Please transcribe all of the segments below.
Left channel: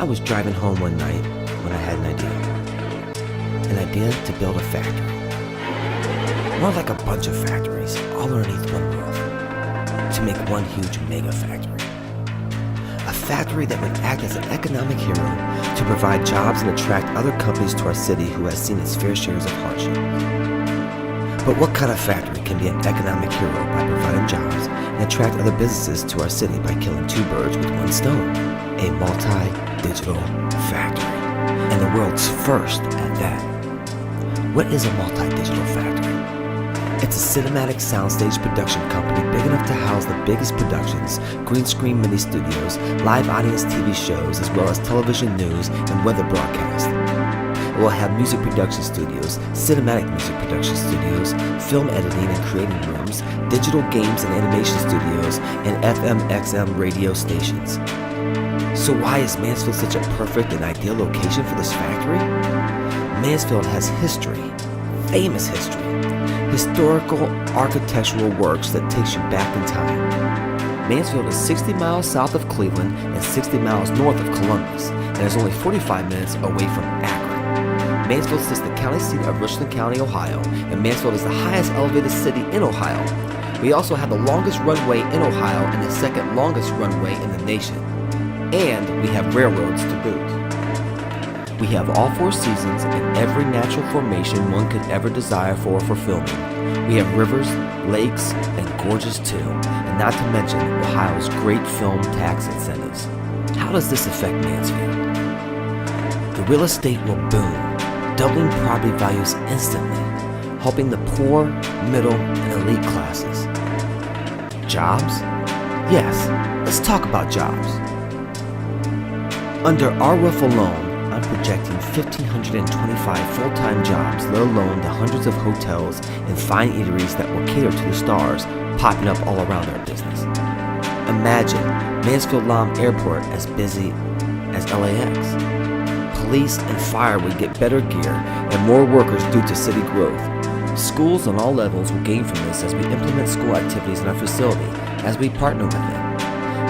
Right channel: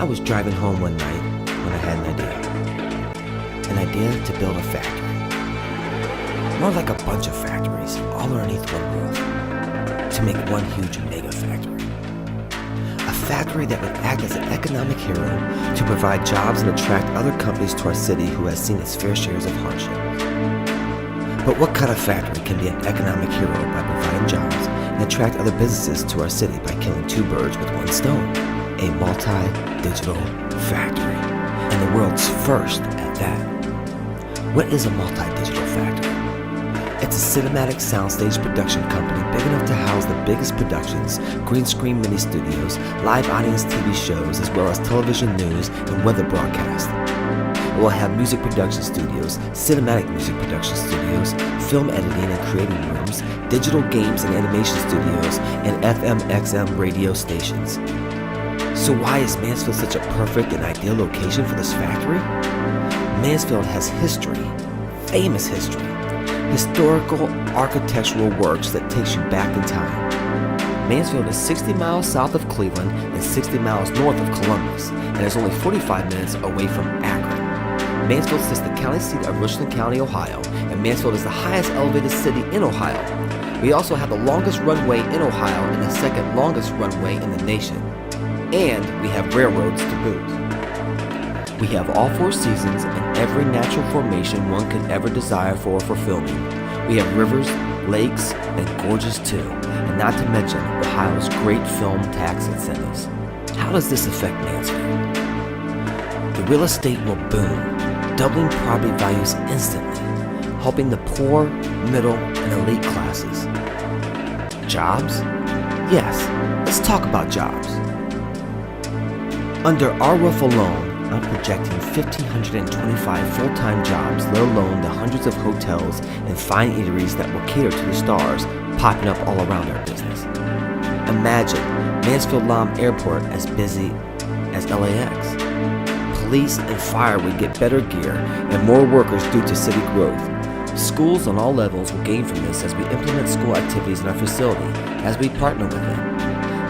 I was driving home one night when I had an idea. An idea to build a factory. More like a bunch of factories, all underneath one roof, to make one huge mega factory. A factory that would act as an economic hero to provide jobs and attract other companies to our city who has seen its fair shares of hardship. But what kind of factory can be an economic hero by providing jobs and attract other businesses to our city by killing two birds with one stone? A multi-digital factory, and the world's first at that. What is a multi-digital factory? It's a cinematic soundstage production company big enough to house the biggest productions, green screen mini studios, live audience TV shows, as well as television news and weather broadcast. It will have music production studios, cinematic music production studios, film editing and creating rooms, digital games and animation studios, and FM/XM radio stations. So why is Mansfield such a perfect and ideal location for this factory? Mansfield has history, famous history, historical architectural works that takes you back in time. Mansfield is 60 miles south of Cleveland and 60 miles north of Columbus, and is only 45 minutes away from Akron. Mansfield sits the county seat of Richland County, Ohio, and Mansfield is the highest elevated city in Ohio. We also have the longest runway in Ohio and the second longest runway in the nation. And we have railroads to boot. We have all four seasons and every natural formation one could ever desire for filming. We have rivers, lakes, and gorges too, and not to mention Ohio's great film tax incentives. How does this affect Mansfield? The real estate will boom, doubling property values instantly, helping the poor, middle, and elite classes. Jobs? Yes, let's talk about jobs. Under our roof alone, I'm projecting 1,525 full-time jobs, let alone the hundreds of hotels and fine eateries that will cater to the stars popping up all around our business. Imagine Mansfield-Lam Airport as busy as LAX. Police and fire would get better gear and more workers due to city growth. Schools on all levels will gain from this as we implement school activities in our facility, as we partner with them.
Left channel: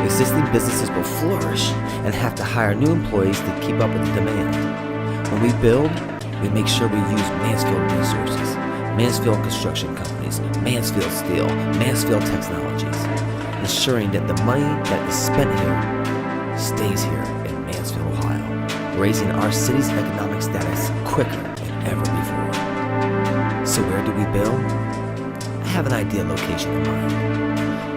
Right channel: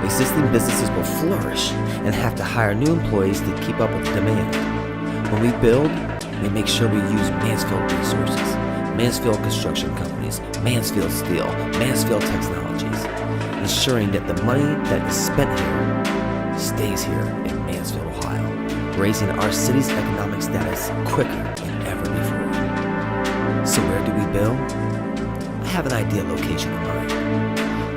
Existing businesses will flourish and have to hire new employees to keep up with the demand. When we build, we make sure we use Mansfield resources, Mansfield construction companies, Mansfield Steel, Mansfield Technologies, ensuring that the money that is spent here stays here in Mansfield, Ohio, raising our city's economic status quicker than ever before. So where do we build? I have an ideal location in mind.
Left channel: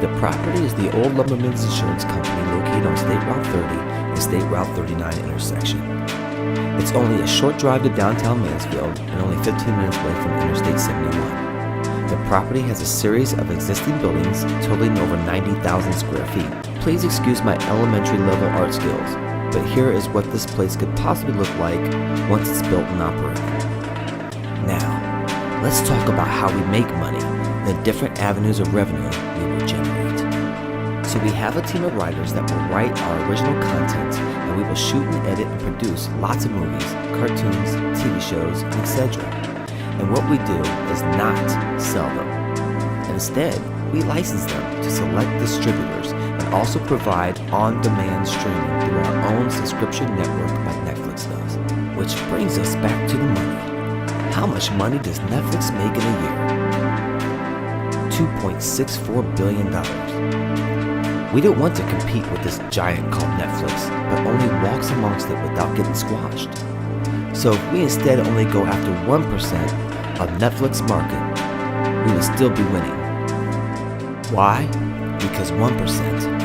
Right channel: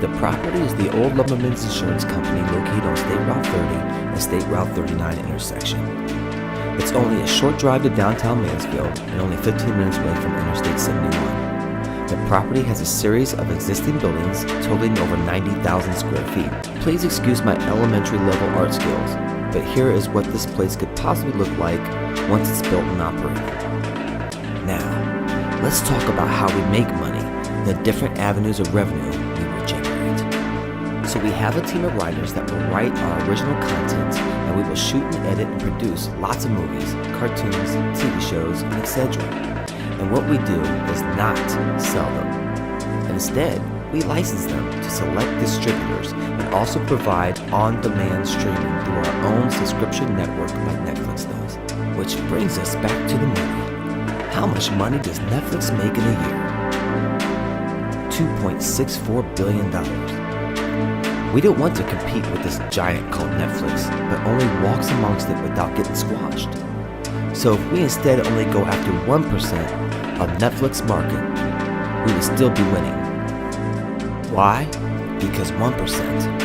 The property is the old Lumberman's Insurance Company located on State Route 30 and State Route 39 intersection. It's only a short drive to downtown Mansfield and only 15 minutes away from Interstate 71. The property has a series of existing buildings totaling over 90,000 square feet. Please excuse my elementary level art skills, but here is what this place could possibly look like once it's built and operating. Now, let's talk about how we make money and the different avenues of revenue we will generate. So we have a team of writers that will write our original content, and we will shoot and edit and produce lots of movies, cartoons, TV shows, and etc. And what we do is not sell them. Instead, we license them to select distributors and also provide on-demand streaming through our own subscription network like Netflix does. Which brings us back to the money. How much money does Netflix make in a year? $2.64 billion. We don't want to compete with this giant called Netflix, but only walks amongst it without getting squashed. So if we instead only go after 1% of Netflix market, we would still be winning. Why? Because 1%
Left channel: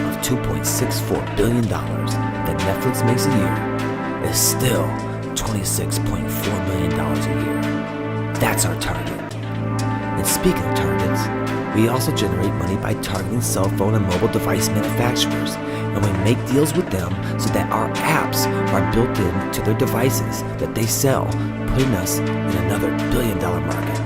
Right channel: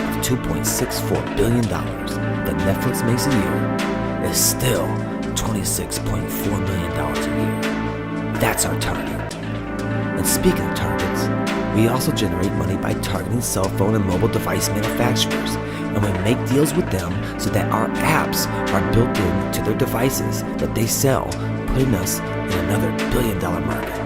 of $2.64 billion that Netflix makes a year is still $26.4 million a year. That's our target. And speaking of targets, we also generate money by targeting cell phone and mobile device manufacturers, and we make deals with them so that our apps are built into their devices that they sell, putting us in another billion-dollar market.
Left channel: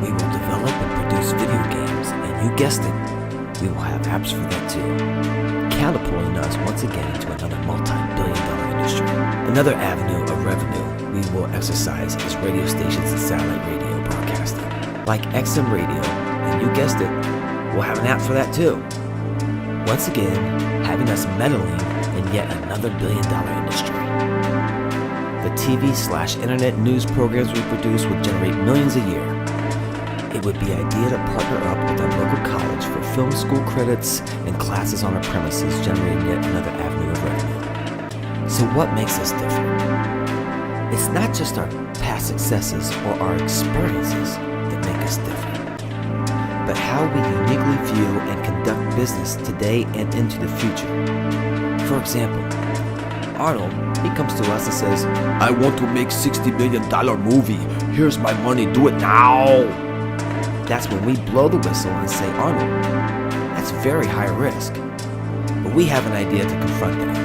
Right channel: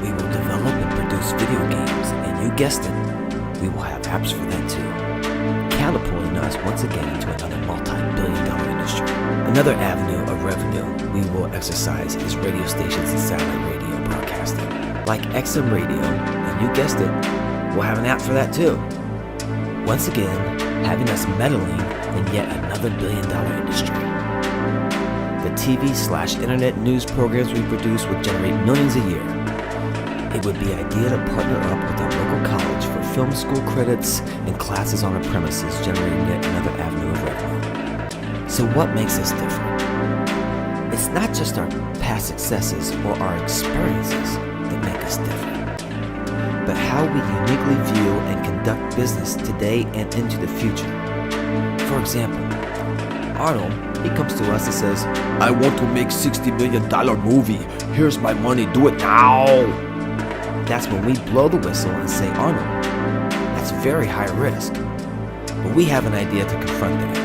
We will develop and produce video games, and you guessed it, we will have apps for that too, catapulting us once again into another multi-billion-dollar industry. Another avenue of revenue we will exercise is radio stations and satellite radio broadcasting, like XM Radio, and you guessed it, we'll have an app for that too. Once again, having us meddling in yet another billion-dollar industry. The TV/internet news programs we produce would generate millions a year. It would be ideal to partner up with a local college for film school credits and classes on our premises, generating yet another avenue of revenue. So what makes us different? It's not just our past successes or our experiences that make us different, but how we uniquely view and conduct business today and into the future. For example, Arnold, he comes to us and says, "I want to make $60 million movie. Here's my money, do it now." That's when we blow the whistle and say, "Arnold, that's very high risk." But we have an idea to confront that.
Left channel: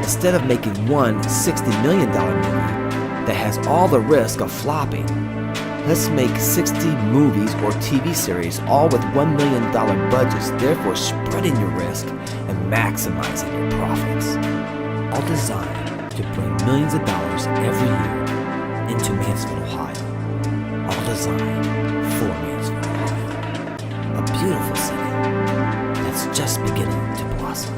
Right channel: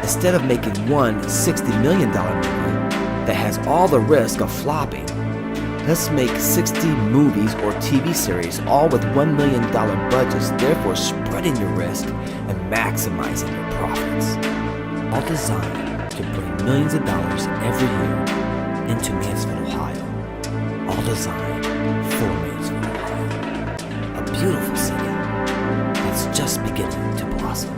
Instead of making one $60 million movie that has all the risk of flopping, let's make 60 movies or TV series, all with $1 million budgets, therefore spreading your risk and maximizing your profits. All designed to bring millions of dollars every year into Mansfield, Ohio. All designed for Mansfield, Ohio. A beautiful city that's just beginning to blossom.